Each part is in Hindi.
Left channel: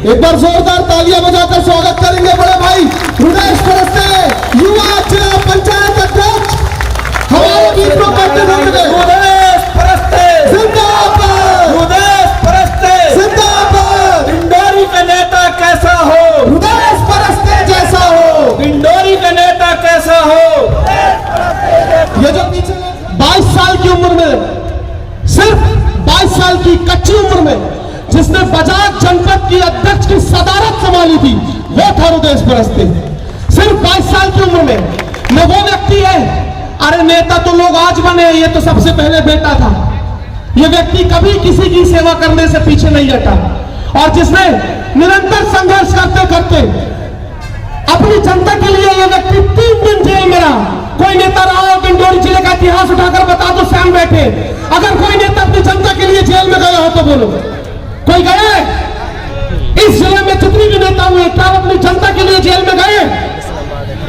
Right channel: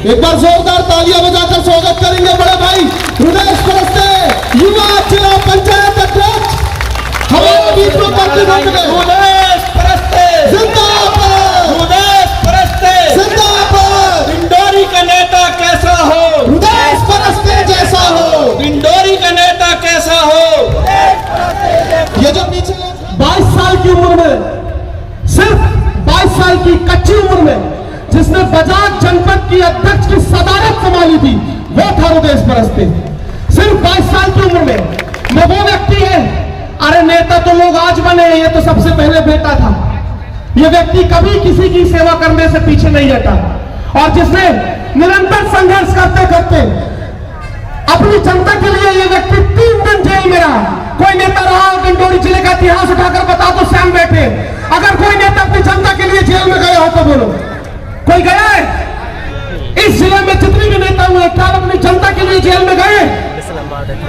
एक बार जोरदार तालियां बजाकर स्वागत करेंगे बड़े भाई रुदेश परस्ते, युवा जिला पंचायत अध्यक्ष हमारे बीच में उपस्थित होंगे। रुदेश परस्ते जिंदाबाद, रुदेश परस्ते जिंदाबाद। डिंडोरी का नेता कैसा हो, रुदेश परस्ते जैसा हो, डिंडोरी का नेता कैसा हो। ये जो पीछे 22 साल की उम्र में, सिर्फ 22 साल की कच्ची उम्र में जिसने बजाज जनपद की अध्यक्ष की सदारत संभाली थी, वो था रुदेश परस्ते। सिर्फ 22 साल की उम्र में वो व्यक्ति है। अरे नेता तो लोग आज बने, ये तो सबसे पहले बेटा था। ये व्यक्ति कभी किसी की सेवा करने से पीछे नहीं हटा और जिसने निरंतर संघर्ष करते करते अपनी जनता के लिए ये व्यक्ति 3 दिन जेल में रहा। कोई नेता रहा डिंडोरी जिले का इतिहास उठाकर बता दो, सामने बैठे। अगर कोई नेता अपनी जनता के लिए जेल में गया हो तो बोलो, कोई गया है? इस जिले में जितने भी नेता हुए क्या अपनी जनता के लिए जेल में गए?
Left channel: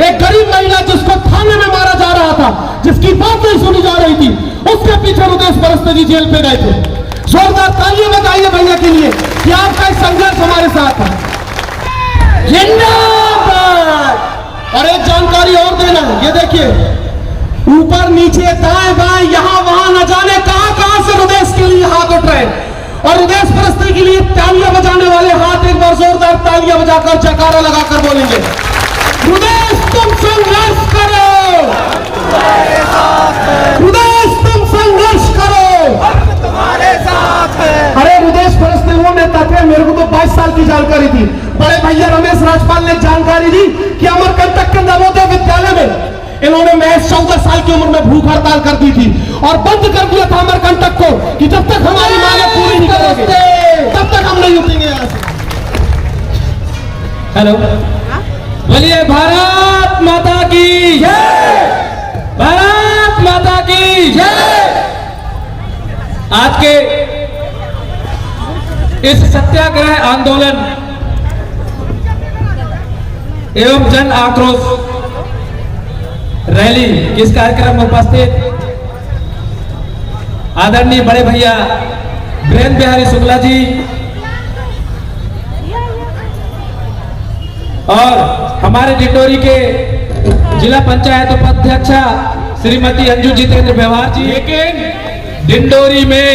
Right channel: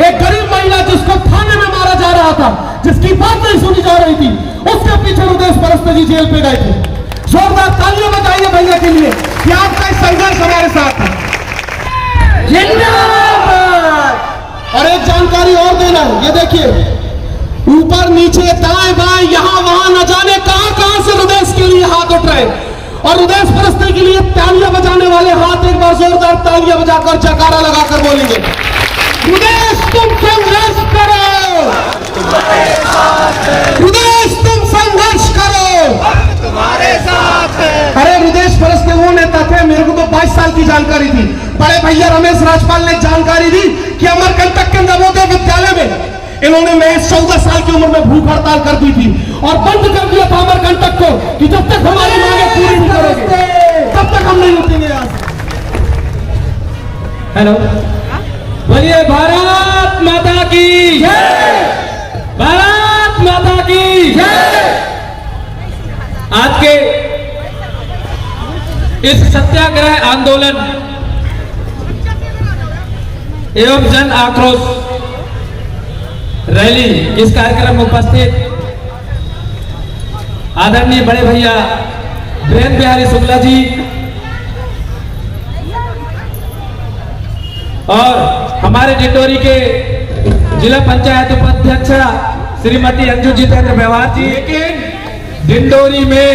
एक गरीब महिला जिसको थाने में मारा जा रहा था, जिसकी बात नहीं सुनी जा रही थी, उसके पीछे रुदेश परस्ते जी जेल पे गए थे। जोरदार तालियां बजाइए भैया के लिए कि आपका संघर्ष हमारे साथ है। जिंदाबाद। और एक जानकारी और देना है, ये देखिए ऊपर नीचे दाएं बाएं यहां वहां न जाने कहां से रुदेश के लिए हाथ उठ रहे और रुदेश परस्ते के लिए तालियां बजाने वाले हाथ एक बार जोरदार तालियां बजाकर जयकारा लगाकर बोलेंगे, रुदेश तुम संघर्ष करो, रुदेश तुम संघर्ष करो, तुम्हारे साथ है। अरे रुदेश परस्ते वो नेता थे, मेरे को तो 22 साल की जानकारी थी। बड़े भैया रमेश राजपाल ने जानकारी दी कि अमरकंटक के नवोदय विद्यालय में इन्होंने महज 14 साल की उम्र में भूख हड़ताल कर दी थी और बंद कर दिया था अमरकंटक को कि जब तक हमारी मांगे पूरी नहीं करोगे तब तक हम नहीं उठेंगे यहाँ से। हेलो, बोलिए भारत माता की जय, भारत माता की जय। आज के इस सत्याग्रह आंदोलन एवं जन आक्रोश रैली इस कार्यक्रम में उपस्थित आदरणीय बड़े भैया वीरेंद्र बिहारी शुक्ला जी और हमारे डिंडोरी के जिला पंचायत उपाध्यक्षा श्रीमती अंजू जितेंद्र व्यवहार जी। लेकिन डिंडोरी में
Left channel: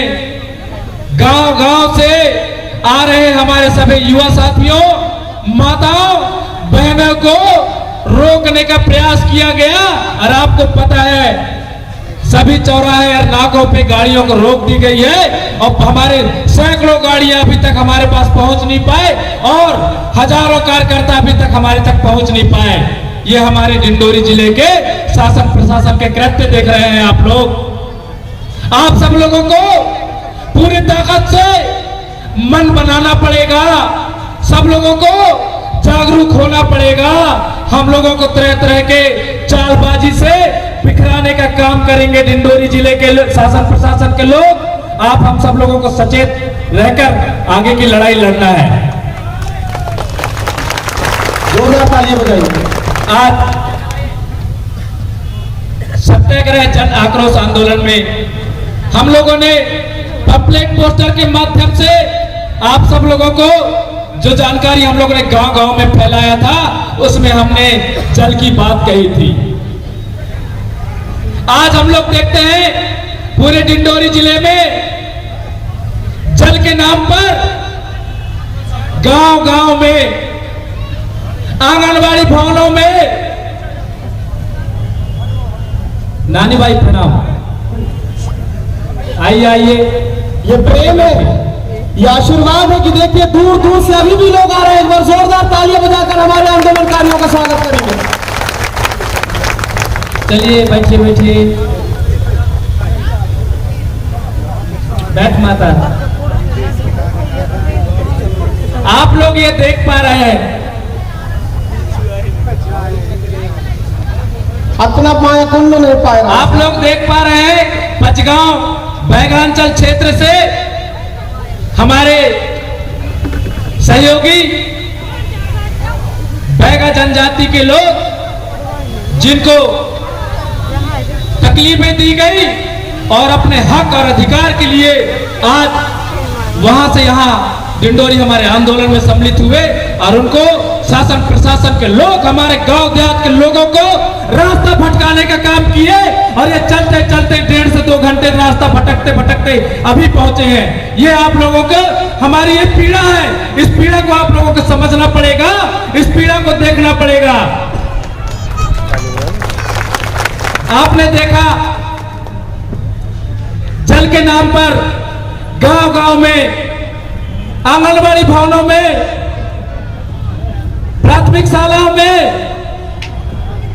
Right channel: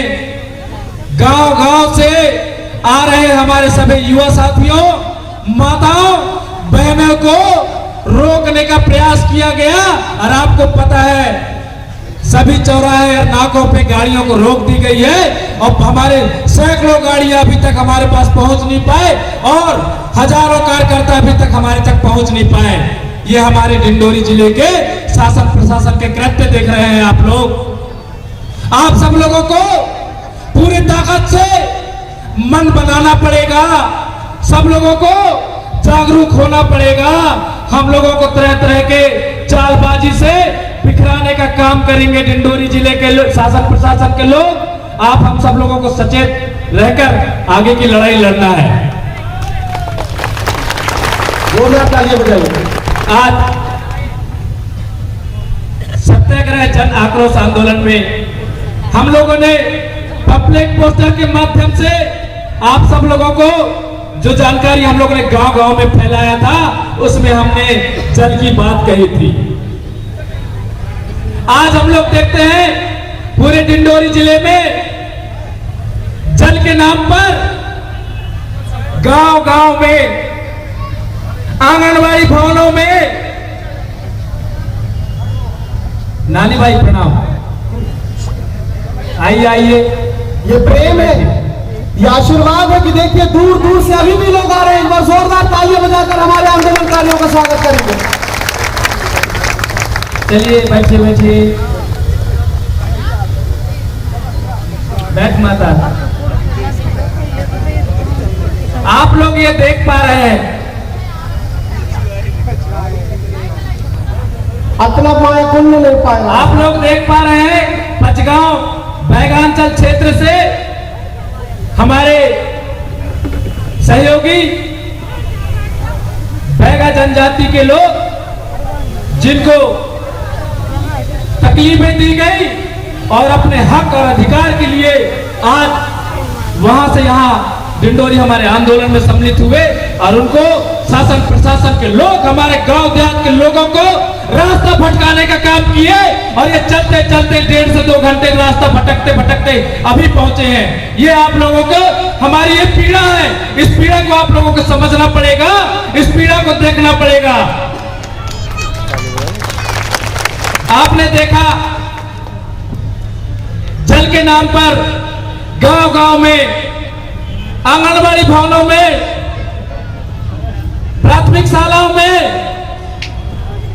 गांव-गांव से आ रहे हमारे सभी युवा साथियों, माताओं, बहनों को रोकने का प्रयास किया गया और आपको पता है सभी चौराहे और नाकों पे गाड़ियों को रोक दी गई है और हमारे सैकड़ों गाड़ियां अभी तक हमारे पास पहुंच नहीं पाए और हजारों कार्यकर्ता अभी तक हमारे तक पहुंच नहीं पाए। ये हमारे डिंडोरी जिले के शासन प्रशासन के कृत्य देख रहे हैं आप लोग। आप सब लोगों को पूरी ताकत से मन बनाना पड़ेगा, सब लोगों को जागरूक होना पड़ेगा। हम लोगों को तरह तरह के चालबाजी से बिखराने का काम करेंगे डिंडोरी जिले के शासन प्रशासन के लोग। आप हम सब लोगों को सचेत रहकर आगे की लड़ाई लड़ना है। आज सत्याग्रह जन आक्रोश आंदोलन में हम लोगों ने पम्पलेट पोस्टर के माध्यम से आप सब लोगों को जो जानकारी हम लोगों ने गांव-गांव में फैलाया था, उसमें हमने जल की बात कही थी। आज हम लोग देखते हैं पूरे डिंडोरी जिले में जल के नाम पर गांव-गांव में, आंगनबाड़ी भवनों में, नानी भाई प्रणाम, आइए आइए, ये प्रेम है, ये आशीर्वाद है कि देखिए दूर दूर से अभी भी लोग आ रहे हैं। एक बार जोरदार तालियां बजाकर हमारे आंदोलनकारियों का स्वागत करेंगे। चलिए बैठिए बैठिए, बैठ माता। आप लोग ये देख पा रहे हैं, अपना पाया कौन नहीं पाएगा। आप लोग देख पा रहे हैं पचगांव बैगांचल क्षेत्र से हमारे सहयोगी बैगा जनजाति के लोग जिनको तकलीफें दी गई और अपने हक और अधिकार के लिए आप वहां से यहां डिंडोरी हमारे आंदोलन में सम्मिलित हुए और उनको शासन प्रशासन के लोग हमारे गांव देहात के लोगों को रास्ता भटकाने का काम किए और ये चलते चलते 1.5 से 2 घंटे रास्ता भटकते भटकते अभी पहुंचे हैं। ये आप लोगों को हमारी एक पीड़ा है, इस पीड़ा को आप लोगों को समझना पड़ेगा, इस पीड़ा को देखना पड़ेगा। आपने देखा जल के नाम पर गांव गांव में, आंगनबाड़ी भवनों में, प्राथमिक शालाओं में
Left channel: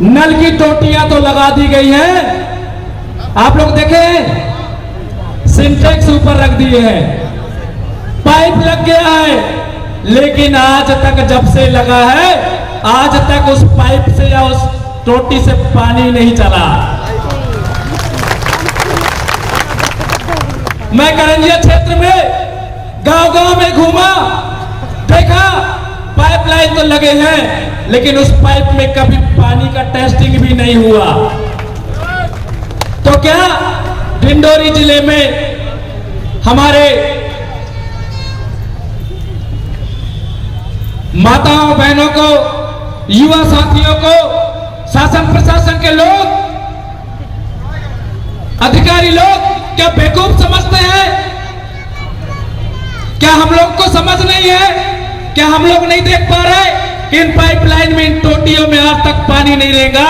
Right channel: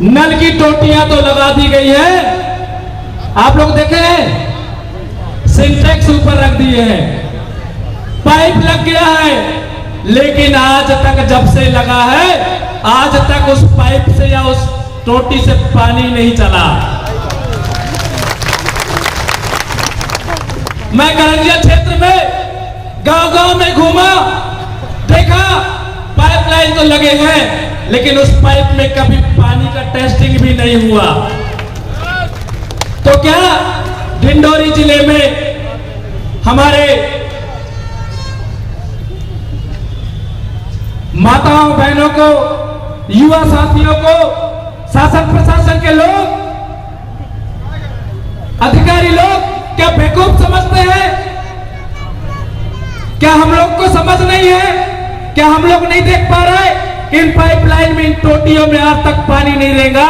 नल की टोटियां तो लगा दी गई हैं। आप लोग देखे हैं, सिंटेक्स ऊपर रख दिए हैं, पाइप लग गया है, लेकिन आज तक जब से लगा है आज तक उस पाइप से या उस टोटी से पानी नहीं चला। मैं करंजिया क्षेत्र में गांव गांव में घूमा, देखा पाइपलाइन तो लगे हैं लेकिन उस पाइप में कभी पानी का टेस्टिंग भी नहीं हुआ। तो क्या डिंडोरी जिले में हमारे माताओं बहनों को, युवा साथियों को शासन प्रशासन के लोग, अधिकारी लोग क्या बेवकूफ समझते हैं? क्या हम लोग को समझ नहीं है? क्या हम लोग नहीं देख पा रहे कि इन पाइपलाइन में, इन टोटियों में आज तक पानी नहीं रहेगा?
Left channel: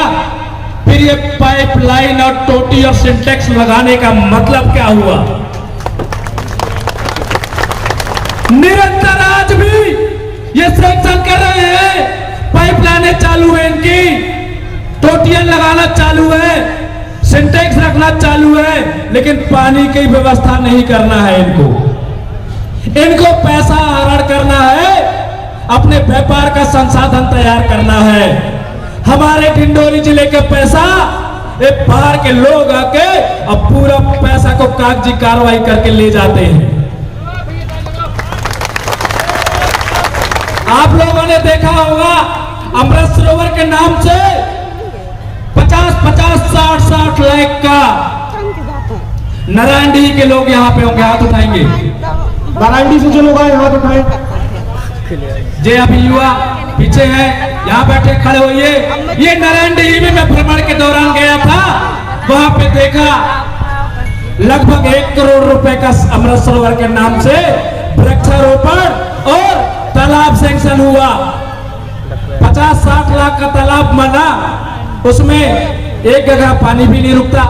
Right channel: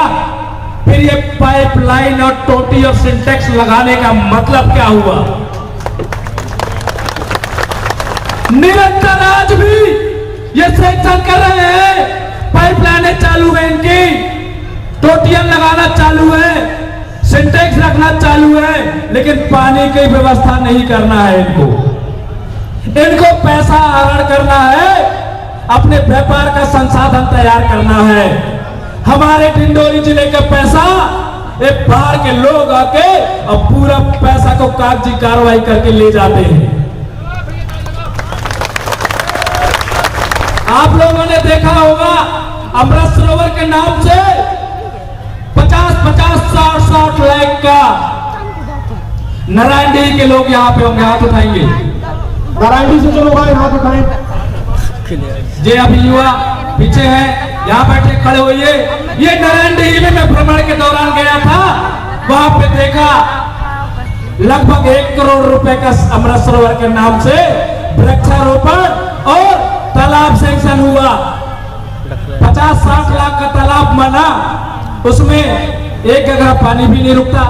फिर ये पाइपलाइन और टोटी और सिंटेक्स लगाने का मतलब क्या हुआ? निरंतर आज भी ये सैंक्शन कर रहे हैं, पाइपलाइनें चालू है, इनकी टोटियां लगाना चालू है, सिंटेक्स रखना चालू है, लेकिन पानी की व्यवस्था नहीं करना है। इनको पैसा हरण करना है, अपने व्यापार का संसाधन तैयार करना है। हमारे डिंडोरी जिले के पैसा एक बाहर के लोग आके और पूरा पैसा को कागजी कार्रवाई करके ले जाते हैं। आप लोगों ने देखा होगा अमृत सरोवर के नाम से 50-50, 60-60 लाख का नारायणडीह के लोग यहाँ पे होंगे, हाथ उठाएंगे। नारायणडीह से जो लोग आए हाथ उठाएं। जे अभी युवा पीछे हैं, यहाँ बैठे खड़े होइए। ये नारायणडीह में मैं भ्रमण के दौरान गया था, वहां पे देखा लगभग 1 करोड़ रुपए का अमृत सरोवर के नाम से वृक्षारोपण और तालाब सैंक्शन हुआ। 50-60 लाख का तालाब बना, उसमें एक जगह पानी भी नहीं रुकता।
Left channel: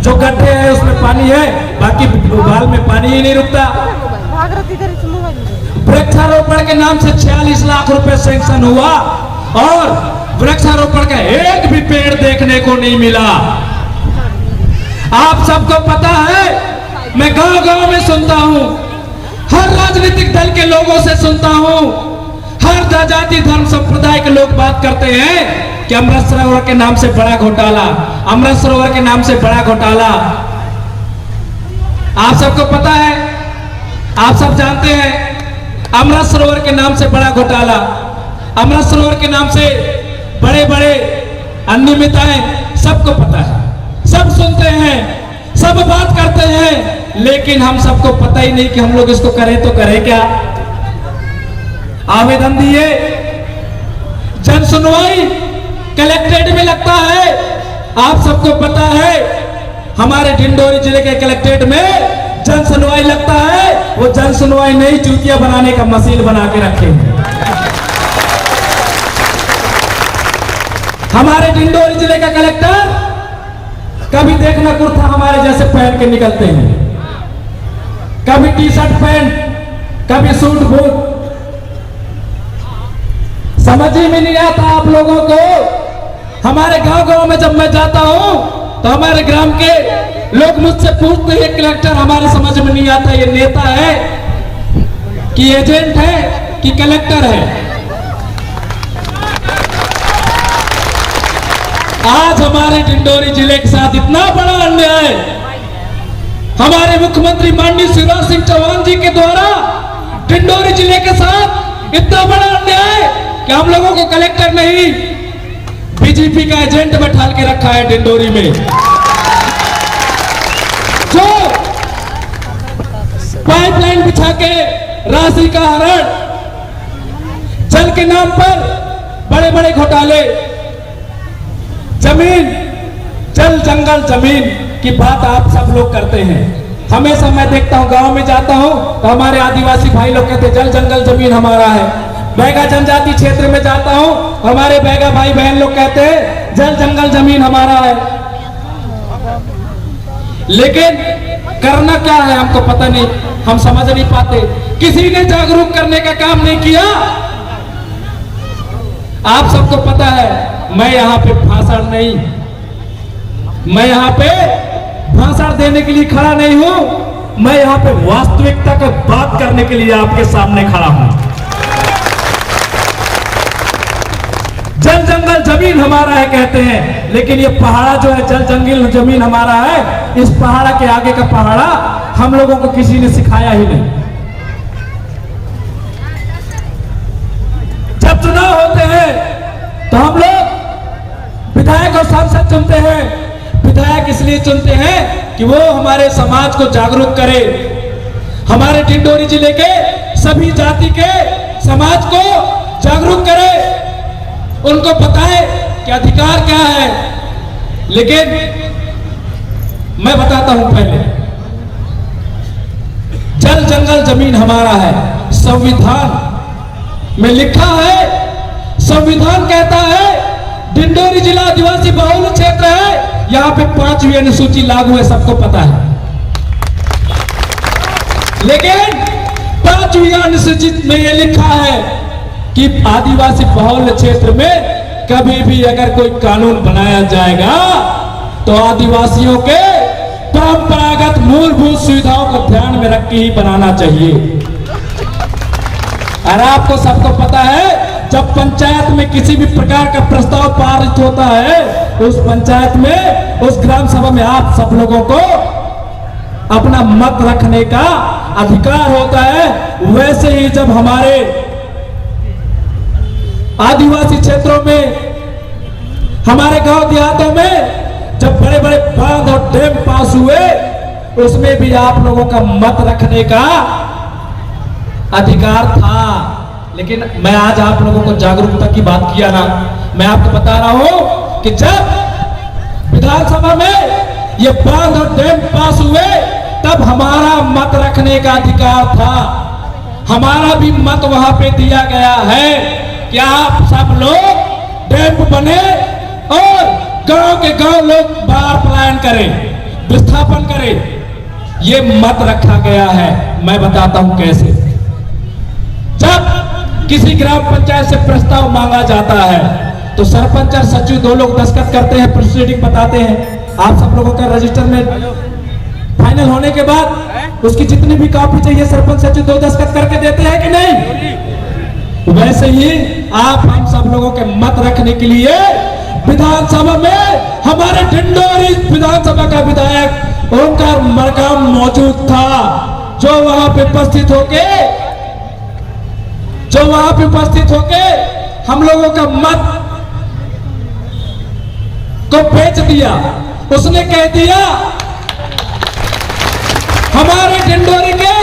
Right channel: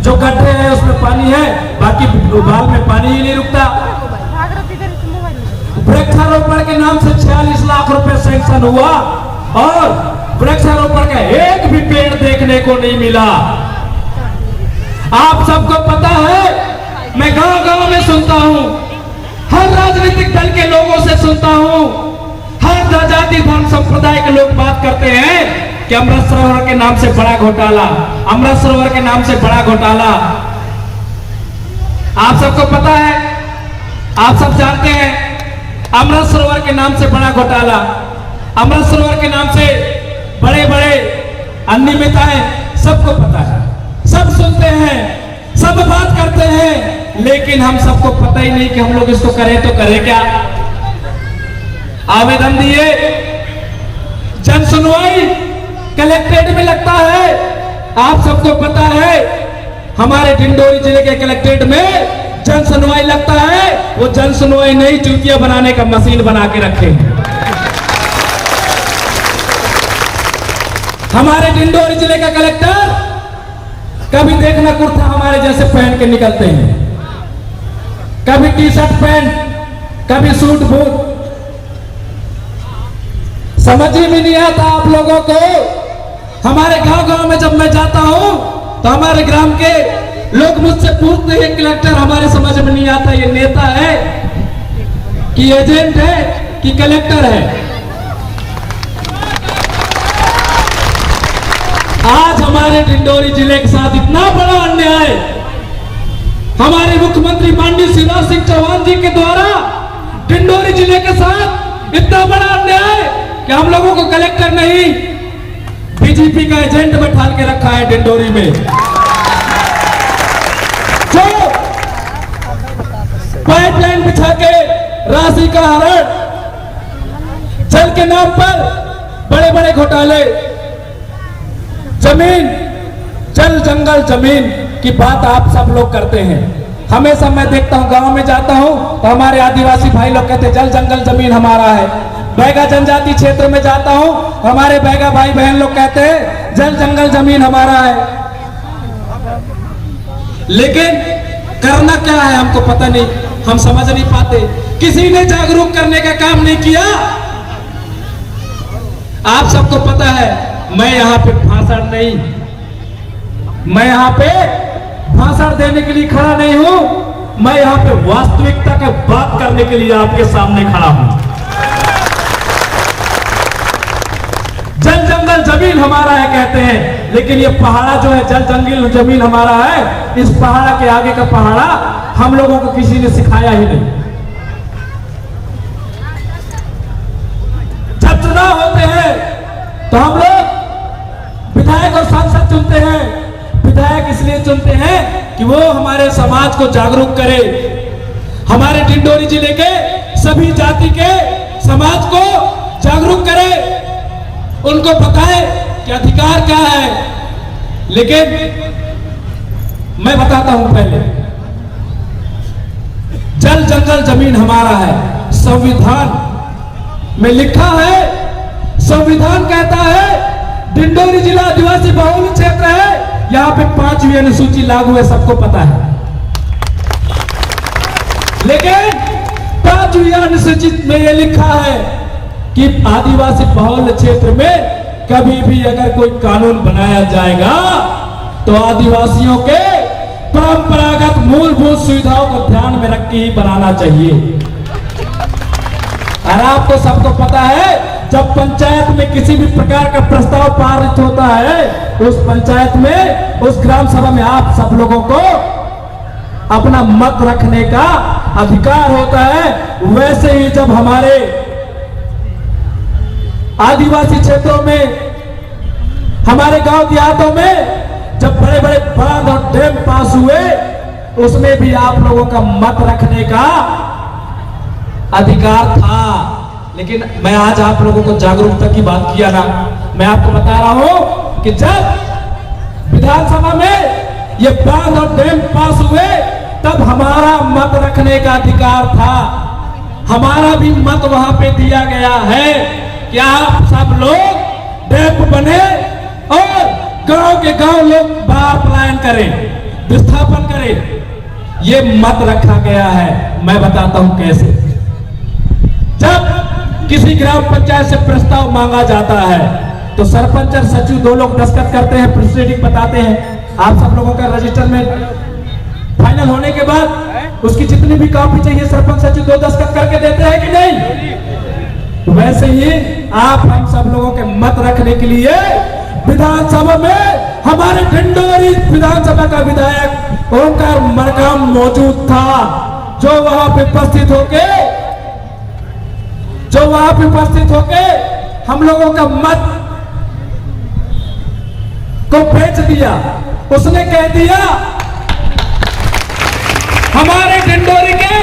जो गड्ढे हैं उसमें पानी है, बाकी उबाल में पानी ही नहीं रुकता। वृक्षारोपण के नाम से 46 लाख रुपए सैंक्शन हुआ और वृक्षारोपण का एक भी पेड़ देखने को नहीं मिला। आप सबको पता है, मैं गांव गांव में सुनता हूं, हर राजनीतिक दल के लोगों से सुनता हूं, हर जाति धर्म संप्रदाय के लोग बात करते हैं कि अमृत सरोवर के नाम से बड़ा घोटाला, अमृत सरोवर के नाम से बड़ा घोटाला। आप सबको पता है, आप सब जानते हैं, अमृत सरोवर के नाम से बड़ा घोटाला, अमृत सरोवर के नाम से बड़े बड़े अनियमितताएं, सबको पता है, सब सुनते हैं, सब बात करते हैं, लेकिन हम सबको पता ही नहीं कि हम लोग इसको करें तो करें क्या। आवेदन दिए, जन सुनवाई कलेक्ट्रेट में लगता है। आप सबको पता है हमारे डिंडोरी जिले के कलेक्ट्रेट में जन सुनवाई लगता है, वो जन सुनवाई नहीं, चूतिया बनाने का मशीन बना के रखे हैं। हमारे डिंडोरी जिले का कलेक्टर कभी देखना कुर्ता हमारे जैसे पहन के निकलते हैं, कभी टी शर्ट पैंट, कभी सूट बूट। समझ ही में नहीं आता आप लोगों को। हमारे गांव गांव में जब मैं जाता हूं तो हमारे ग्राम के लोग मुझसे पूछते हैं, कलेक्टर हमारे समझ में नहीं आता ये नेता है कि एजेंट है कि कलेक्टर है। आज हमारे डिंडोरी जिले के साथ इतना बड़ा अन्याय हमारे मुख्यमंत्री माननीय शिवराज सिंह चौहान जी के द्वारा डिंडोरी जिले के साथ इतना बड़ा अन्याय कि हम लोगों को कलेक्टर नहीं, बीजेपी का एजेंट बैठा के रखा है डिंडोरी में। जो पाइपलाइन बिछा के राशि का हरण, जल के नाम पर बड़े बड़े घोटाले, जमीन, जल जंगल जमीन की बात आप सब लोग करते हैं। हमेशा मैं देखता हूं, गांव में जाता हूं तो हमारे आदिवासी भाई लोग कहते हैं जल जंगल जमीन हमारा है। बैगा जनजाति क्षेत्र में जाता हूं, हमारे बैगा भाई बहन लोग कहते हैं जल जंगल जमीन हमारा है। लेकिन करना क्या है हमको पता नहीं, हम समझ नहीं पाते। किसी ने जागरूक करने का काम नहीं किया। आप सबको पता है, मैं यहाँ पे भाषण नहीं, मैं यहाँ पे भाषण देने के लिए खड़ा नहीं हूं, मैं यहाँ पे वास्तविकता का बात करने के लिए आपके सामने खड़ा हूं। जल जंगल जमीन हमारा है कहते हैं, लेकिन ये पहाड़ा जो है जल जंगल जमीन हमारा है, इस पहाड़ा के आगे का पहाड़ा हम लोगों को किसी ने सिखाया ही नहीं। जब चुनाव होते हैं तो हम लोग विधायक और सांसद चुनते हैं। विधायक इसलिए चुनते हैं कि वो हमारे समाज को जागरूक करे, हमारे डिंडोरी जिले के सभी जाति के समाज को जागरूक करे, उनको बताए कि अधिकार क्या है। लेकिन मैं बताता हूं, पहले जल जंगल जमीन हमारा है। संविधान में लिखा है, संविधान कहता है डिंडोरी जिला आदिवासी बहुल क्षेत्र है, यहां पे 5वीं अनुसूची लागू है, सबको पता है। लेकिन 5वीं अनुसूची में यह लिखा है कि आदिवासी बहुल क्षेत्र में कभी भी अगर कोई कानून बनाया जाएगा तो आदिवासियों के परंपरागत मूलभूत सुविधाओं को ध्यान में रख के ही बनाना चाहिए। और आपको सबको पता है, जब पंचायत में किसी भी प्रकार का प्रस्ताव पारित होता है, उस पंचायत में, उस ग्राम सभा में आप सब लोगों को अपना मत रखने का अधिकार होता है। वैसे ही जब हमारे आदिवासी क्षेत्रों में, हमारे गांव देहातों में जब बड़े बड़े बांध और डैम पास हुए, उसमें भी आप लोगों का मत रखने का अधिकार था। लेकिन मैं आज आप लोगों को जागरूकता की बात किया ना, मैं आपको बता रहा हूं कि जब विधानसभा में ये बांध और डैम पास हुए, तब हमारा मत रखने का अधिकार था। हमारा भी मत वहां पे दिया गया है कि आप सब लोग डैम बने और गांव के गांव लोग बाहर पलायन करें, विस्थापन करें। ये मत रखा गया है। मैं बताता हूं कैसे। जब किसी ग्राम पंचायत से प्रस्ताव मांगा जाता है तो सरपंच और सचिव 2 लोग दस्तखत करते हैं, प्रोसीडिंग बताते हैं। आप सब लोगों का रजिस्टर में फाइनल होने के बाद उसकी जितनी भी कॉपी चाहिए सरपंच सचिव 2 दस्तखत करके देते हैं कि नहीं? वैसे ही आप हम सब लोगों के मत रखने के लिए विधानसभा में हमारे डिंडोरी विधानसभा का विधायक ओंकार मरकाम मौजूद था, जो वहां पे उपस्थित होके हम लोगों का मत को बेच दिया। उसने कह दिया हमारे डिंडोरी के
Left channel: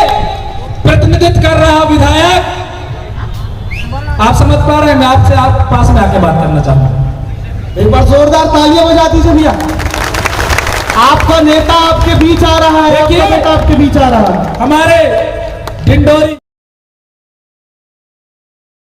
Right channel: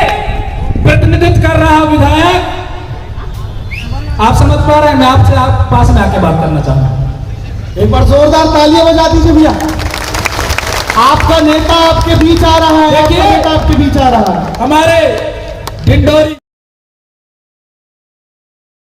प्रतिनिधित्व कर रहा विधायक। आप समझ पा रहे हैं? मैं आपसे आप पास में आके बात करना चाहता हूं। एक बार जोरदार तालियां बजा दीजिए भैया। आपका नेता आपके बीच आ रहा है, आपका नेता आपके बीच आ रहा है। हमारे डिंडोरी